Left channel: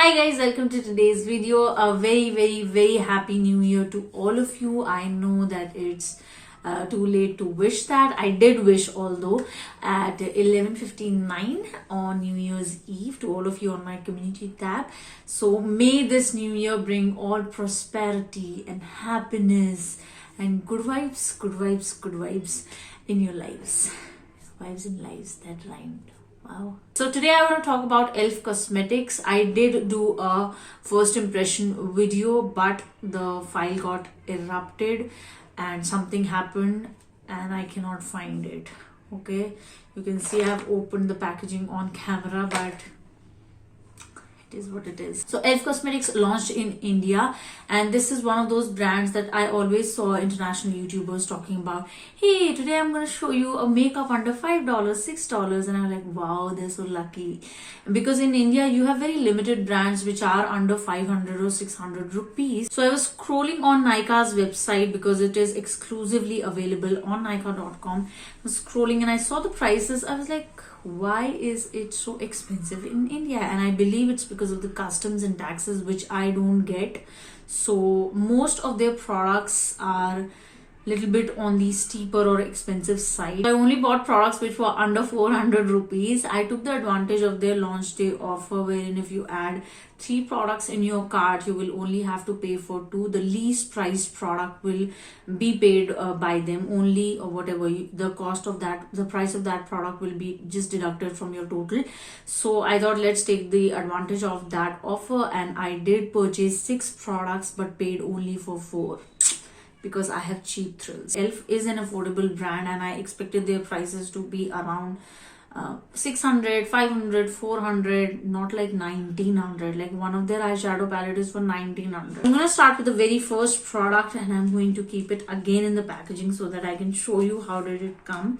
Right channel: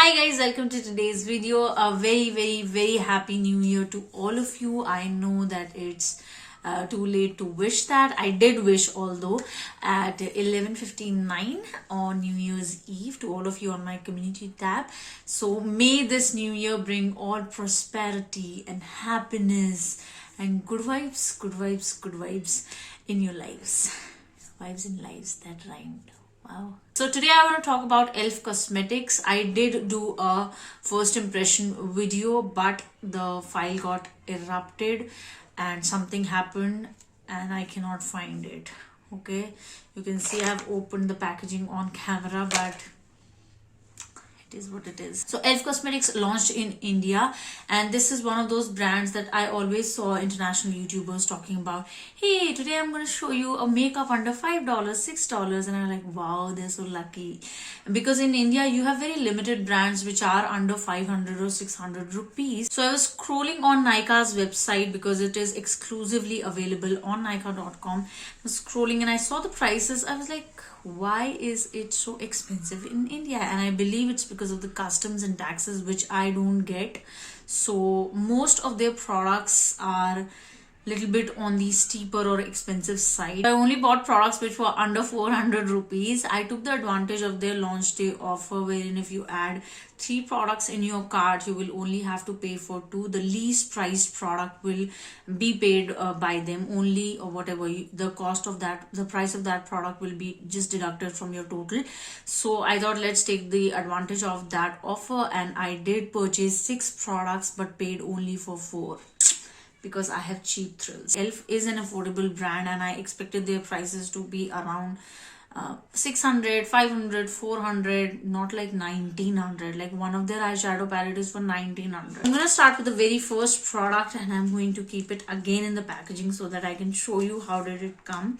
Hi guys, welcome to today's video. A very happy new year to all of you. I know that it's too late to wish that. I did wish, although at 11:59 on New Year's Eve to all of you on my community tab. So may this new year bring all prosperity and happiness and good vibes in your lives. Vibes in lives that rhymed. Wow. So today I want to talk about Elf Cosmetics. I did do a first impression video, but the file got erupted and something happened and I cannot find it. Okay, you can see I have opened the packaging on camera, but it is what it is. So Elf Cosmetics launched in India, and this is one of those brands that I always saw international YouTubers talking about. Hey, today I'm going to show you a makeup under $5, $6, and I'm like, wow, they're so lucky. Because in India, you have very limited brands which are under 500 or 600 rupees. So I was scrolling on Nykaa's website because it is exclusively available on Nykaa.com. I was scrolling and I saw the prices. I was like, why is it so expensive in India? And I believe it's because of the customs and taxes, which I don't get. So most of their products are little bit on the steeper or expensive side. I only bought products which were under 400 rupees. I took the advantage of their launch day offer, wherein if you add 3 products in your cart, you will only have to pay for 2. The least priced product will be paid by them only, or whatever the cost of that, the price of that product will be just deducted from your total. So I thought, let's take the advantage of that offer, and I did purchase 6 products but paid only for 4. Because I have cheap thrills. Elf is an affordable brand, and I expected their prices to be around 600, 500, 400, not like 1900. Like one of their eyeshadow palette is for 1900. I'm going to start with the very first product, and I'm going to keep it again in the packaging so that I can show you how did it come.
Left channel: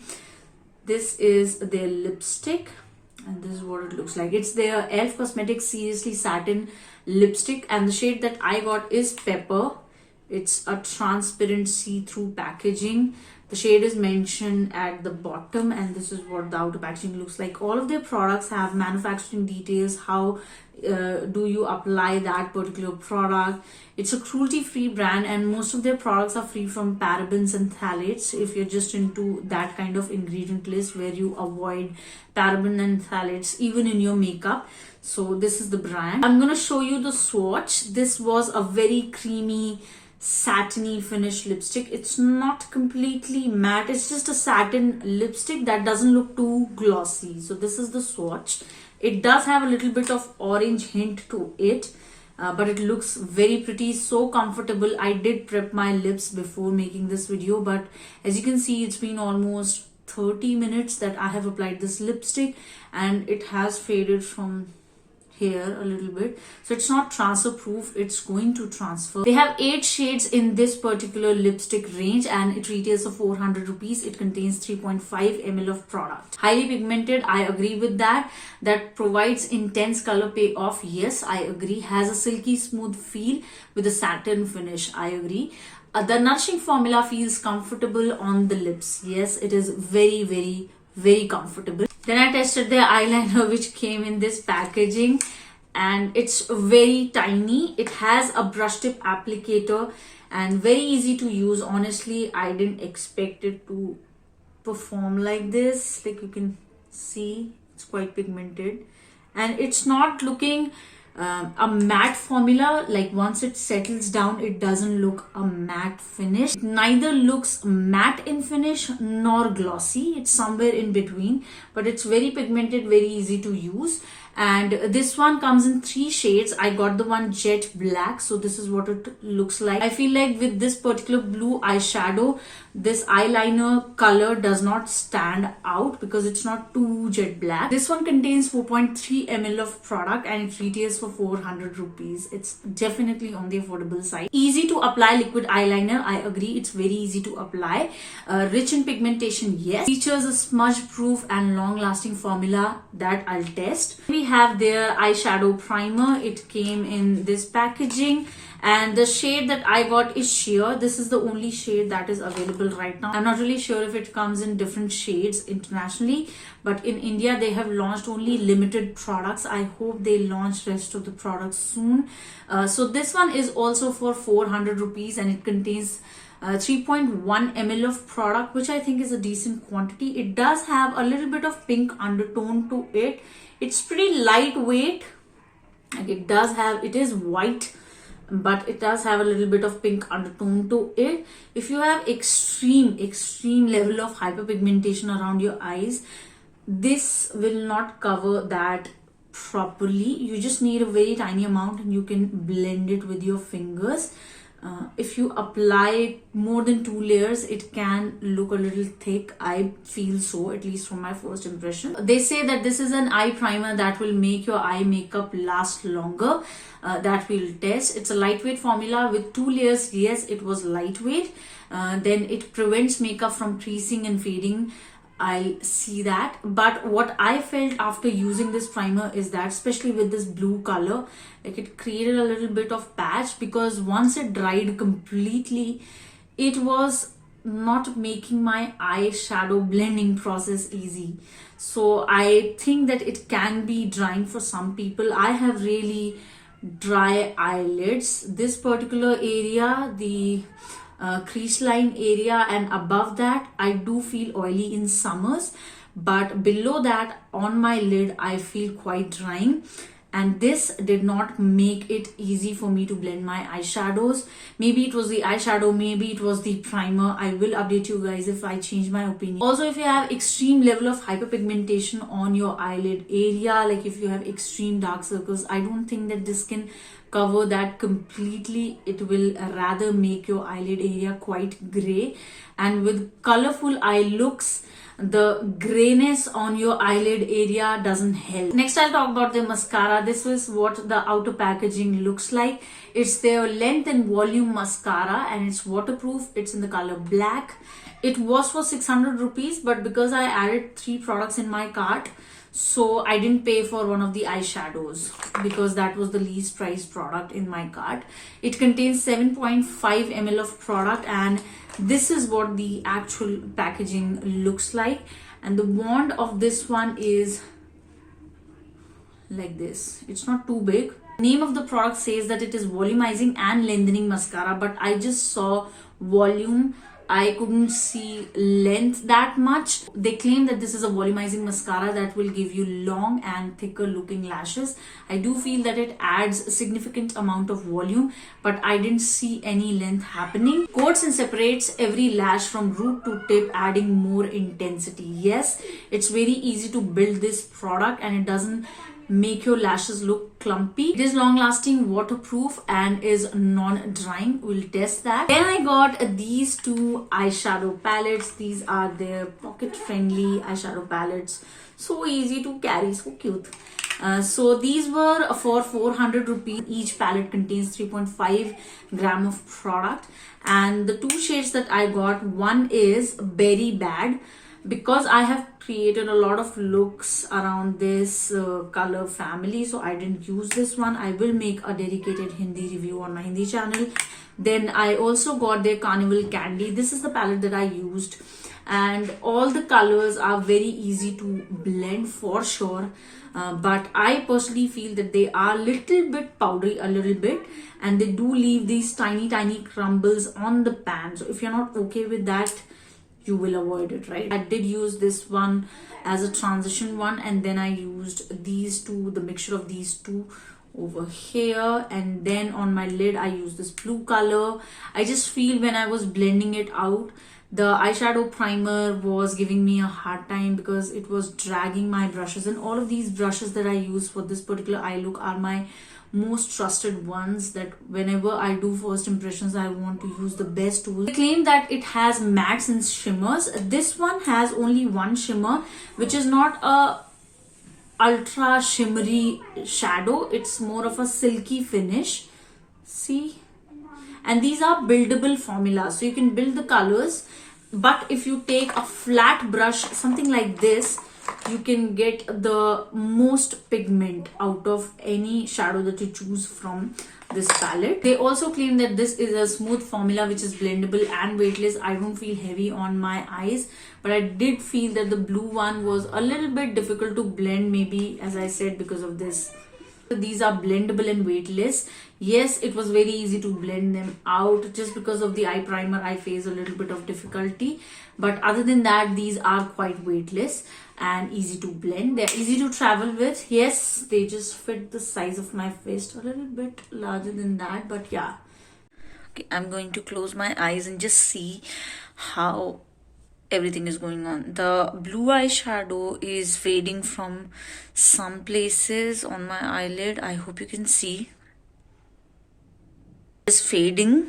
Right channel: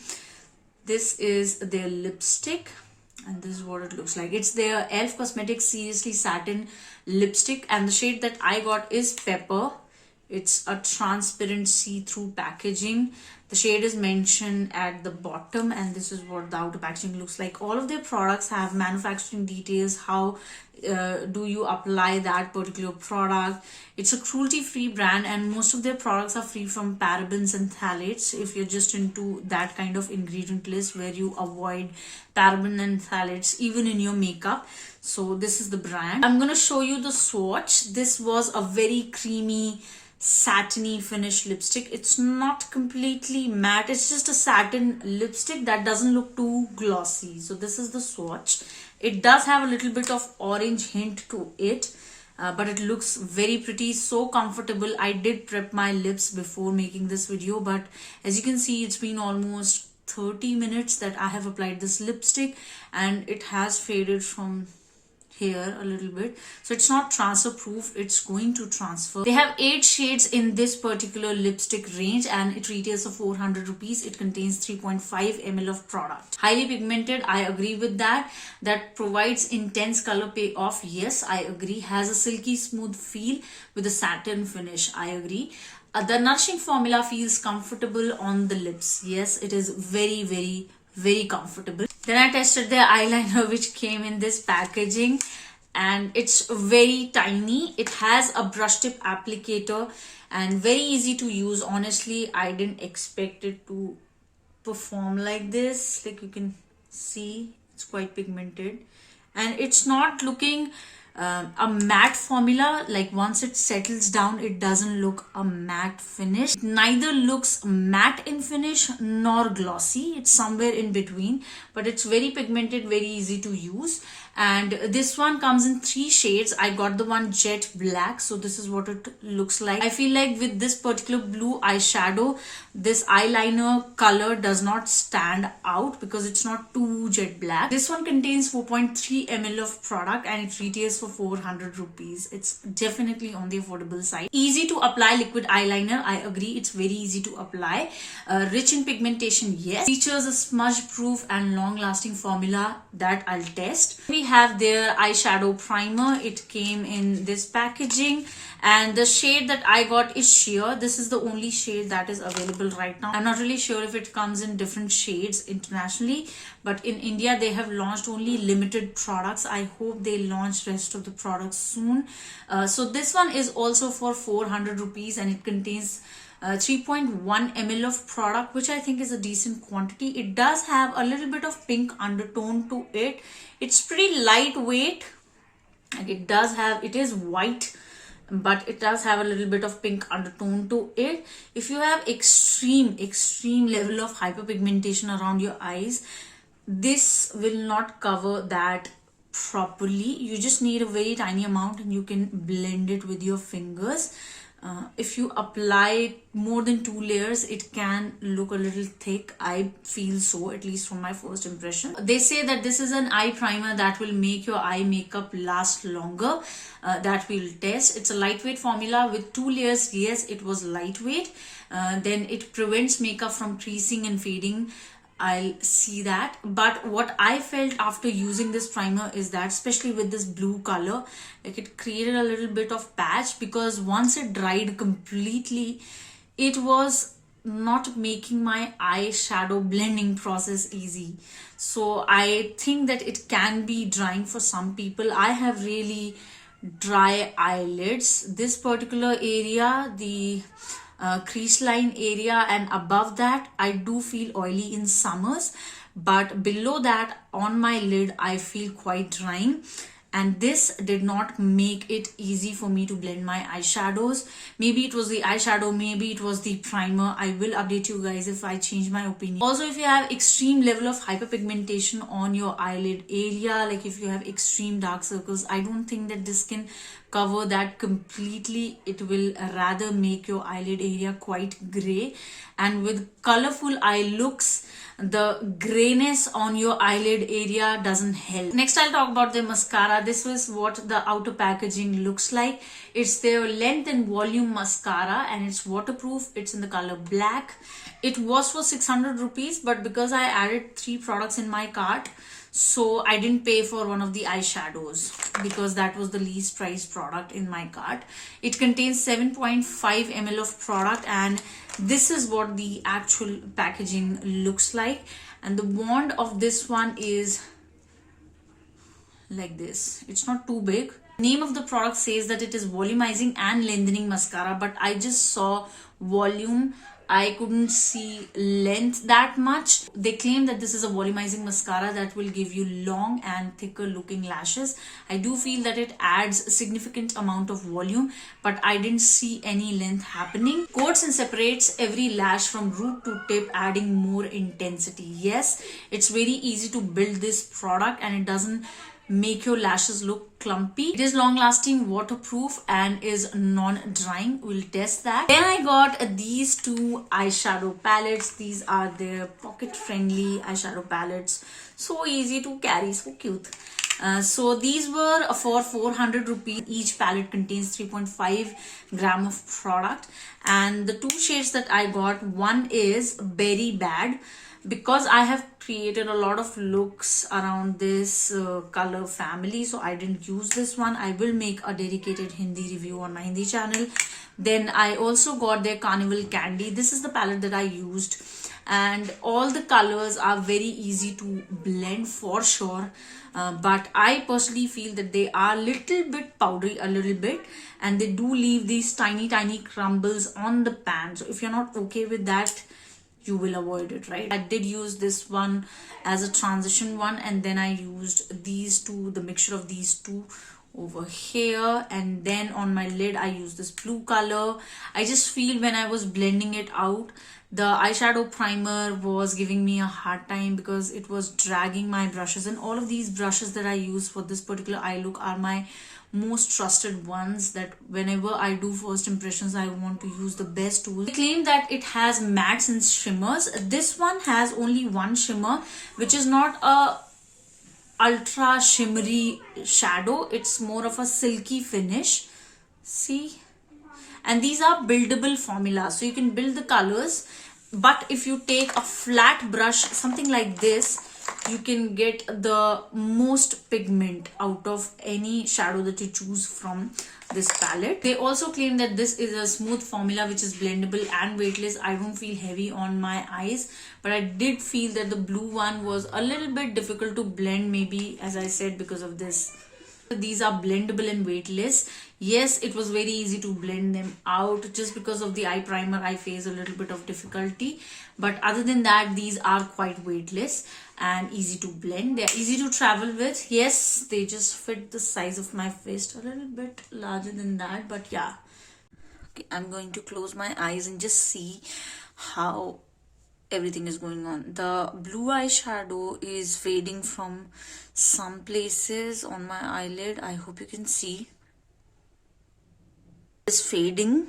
This is their lipstick, and this is what it looks like. It's their Elf Cosmetics Seriously Satin lipstick, and the shade that I got is Pepper. It's a transparent see-through packaging. The shade is mentioned at the bottom, and this is what the outer packaging looks like. All of their products have manufacturing details. How do you apply that particular product? It's a cruelty-free brand, and most of their products are free from parabens and phthalates. If you're just into that kind of ingredient list where you avoid paraben and phthalates even in your makeup. So this is the brand. I'm going to show you the swatch. This was a very creamy, satiny finish lipstick. It's not completely matte, it's just a satin lipstick that doesn't look too glossy. So this is the swatch. It does have a little bit of orange hint to it, but it looks very pretty, so comfortable. I did prep my lips before making this video, but as you can see, it's been almost 30 minutes that I have applied this lipstick, and it has faded from here a little bit. So it's not transfer proof, it's going to transfer. They have 8 shades in this particular lipstick range, and it retails for 400 rupees. It contains 3.5 ml of product. Highly pigmented, I agree with that. That provides intense color payoff, yes, I agree. Has a silky smooth feel with a satin finish, I agree. The nourishing formula feels comfortable on the lips. Yes, it is very comfortable. Then I tested their eyeliner, which came in this packaging, and it's very tiny. It has a brush tip applicator and very easy to use. Honestly, I didn't expect it to perform like this. Like you can see, it's quite pigmented, and it's not looking a matte formula. Like once it settles down, it doesn't look a matte finish. It neither looks matte in finish nor glossy. It's somewhere in between, but it's very pigmented, very easy to use. And this one comes in 3 shades. I got the one jet black, so this is what it looks like. I feel like with this particular blue eyeshadow, this eyeliner color does not stand out because it's not too jet black. This one contains 4.3 ml of product, and it retails for 400 rupees. It's definitely on the affordable side. Easy to apply liquid eyeliner, I agree. It's very easy to apply. Rich in pigmentation, yes. Features a smudge proof and long lasting formula that I'll test. We have their eyeshadow primer. It came in this packaging, and the shade that I got is sheer. This is the only shade that is available right now. I'm not really sure if it comes in different shades internationally, but in India they have launched only limited products. I hope they launch rest of the products soon. So this one is also for 400 rupees, and it contains 3.1 ml of product, which I think is a decent quantity. It does have a little bit of pink undertone to it. It's pretty lightweight, and it is white, but it does have a little bit of pink undertone to it. If you have extreme level of hyperpigmentation around your eyes, this will not cover that properly. You just need a very tiny amount, and you can blend it with your fingers. If you apply more than 2 layers, it can look a little thick. I feel so, at least from my first impression. They say that this is an eye primer that will make your eye makeup last longer. That we'll test. It's a lightweight formula with 2 layers. Yes, it was lightweight. Then it prevents makeup from creasing and fading. I'll see that. But what I felt after using this primer is that, especially with this blue color, like, it created a little bit of patch, because once it dried completely, it was not making my eyeshadow blending process easy. So I think that it can be drying for some people. I have really dry eyelids. This particular area, the crease line area and above that, I do feel oily in summers, but below that on my lid I feel quite drying, and this did not make it easy for me to blend my eyeshadows. Maybe it was the eyeshadow, maybe it was the primer. I will update you guys if I change my opinion. Also, if you have extreme level of hyperpigmentation on your eyelid area, like if you have extreme dark circles, I don't think that this can cover that completely. It will rather make your eyelid area quite gray, and with colorful eye looks, the grayness on your eyelid area doesn't help. Next, I'll talk about the mascara. This is what the outer packaging looks like. It's their length and volume mascara, and it's waterproof. It's in the color black. It was for 600 rupees, but because I added 3 products in my cart, so I didn't pay for one of the eyeshadows, because that was the least priced product in my cart. It contains 7.5 ml of product, and this is what the actual packaging looks like. And the wand of this one is like this. It's not too big. Name of the product says that it is volumizing and lengthening mascara, but I just saw volume. I couldn't see length that much. They claim that this is a volumizing mascara that will give you long and thicker looking lashes. I do feel that it adds a significant amount of volume, but I didn't see any length happening. Coats and separates every lash from root to tip, adding more intensity. Yes, it's very easy to build this product, and it doesn't make your lashes look clumpy. It is long lasting, waterproof, and is non-drying. We'll test that. Then I got these 2 eyeshadow palettes. These are their pocket friendly eyeshadow palettes. So easy to carry, so cute. So these were for 400 rupees. Each palette contains 3.5 gram of product, and the 2 shades that I got, one is Berry Bad, because I have created a lot of looks around this color family, so I didn't use this one. I will make a dedicated Hindi review on my Hindi channel. Then I also got their Carnival Candy. This is the palette that I used, and all the colors are very easy to blend for sure, but I personally feel that they are little bit powdery, a little bit, and they do leave these tiny crumbles on the pan. So if you're not okay with that, you will avoid it, right? I did use this one as a transition one, and then I used these 2, the mixture of these 2 over here, and then on my lid I used this blue color. I just feel when I was blending it out, the eyeshadow primer was giving me a hard time because it was dragging my brushes, and all of these brushes that I use for this particular eye look are my most trusted ones, that whenever I do first impressions, I want to use the best tools. They claim that it has mattes and shimmers. This one has only one shimmer, which is not a ultra shimmery shadow. It's more of a silky finish. See? And these are buildable formulas, so you can build the colors. But if you take a flat brush, something like this, you can get the most pigment out of any shadow that you choose from this palette. They also claim that this is a smooth formula which is blendable and weightless. I don't feel heavy on my eyes, but I did feel that the blue one was a little bit difficult to blend, maybe as I said because of this. These are blendable and weightless. Yes, it was very easy to blend them out. Just because of the eye primer, I face a little bit of difficulty, but other than that, these are quite weightless and easy to blend. They're easy to travel with. Yes, they just fit the size of my fist, a little bit larger than that, but yeah. Okay, I'm going to close my eyes and just see how everything is going on. The blue eyeshadow is fading from some places on my eyelid. I hope you can see. It's fading.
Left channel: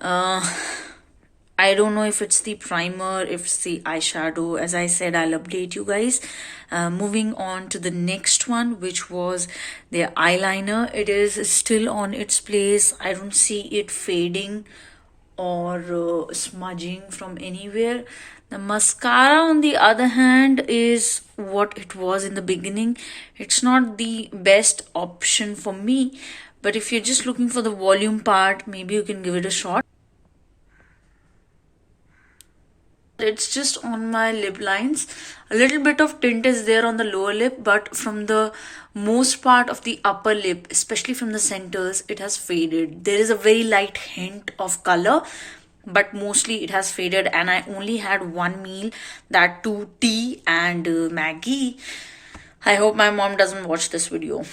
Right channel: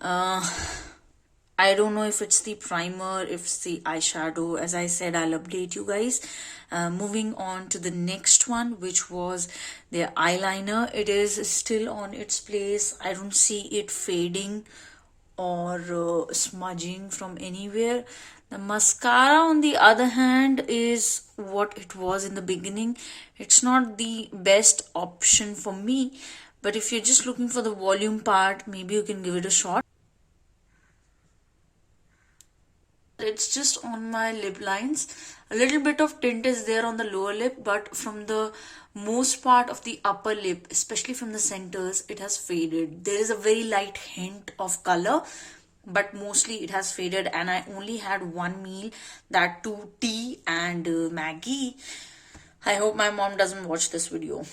I don't know if it's the primer, if it's the eyeshadow. As I said, I'll update you guys. Moving on to the next one, which was the eyeliner. It is still on its place. I don't see it fading or smudging from anywhere. The mascara, on the other hand, is what it was in the beginning. It's not the best option for me, but if you're just looking for the volume part, maybe you can give it a shot. It's just on my lip lines. A little bit of tint is there on the lower lip, but from the most part of the upper lip, especially from the centers, it has faded. There is a very light hint of color, but mostly it has faded, and I only had one meal, that too tea and Maggie. I hope my mom doesn't watch this video.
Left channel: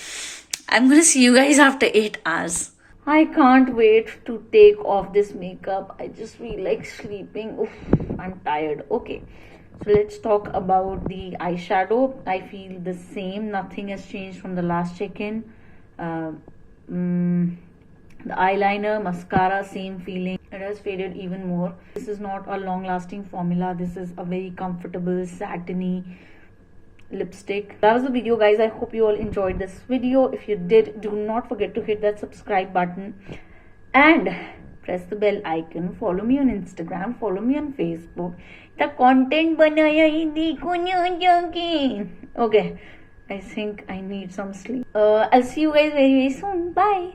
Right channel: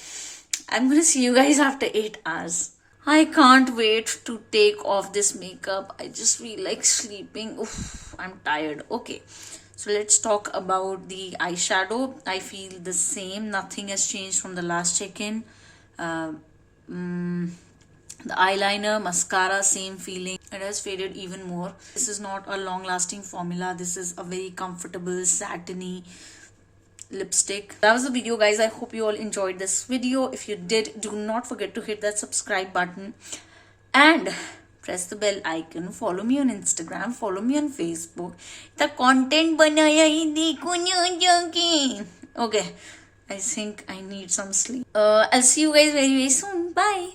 I'm gonna see you guys after 8 hours. I can't wait to take off this makeup. I just feel like sleeping. Oof, I'm tired. Okay, so let's talk about the eyeshadow. I feel the same. Nothing has changed from the last check-in. The eyeliner, mascara, same feeling. It has faded even more. This is not a long-lasting formula. This is a very comfortable, satiny lipstick. That was the video, guys. I hope you all enjoyed this video. If you did, do not forget to hit that subscribe button and press the bell icon. Follow me on Instagram, follow me on Facebook. The content banaya hi dekho na. Okay, I think I need some sleep. I'll see you guys very, very soon. Bye.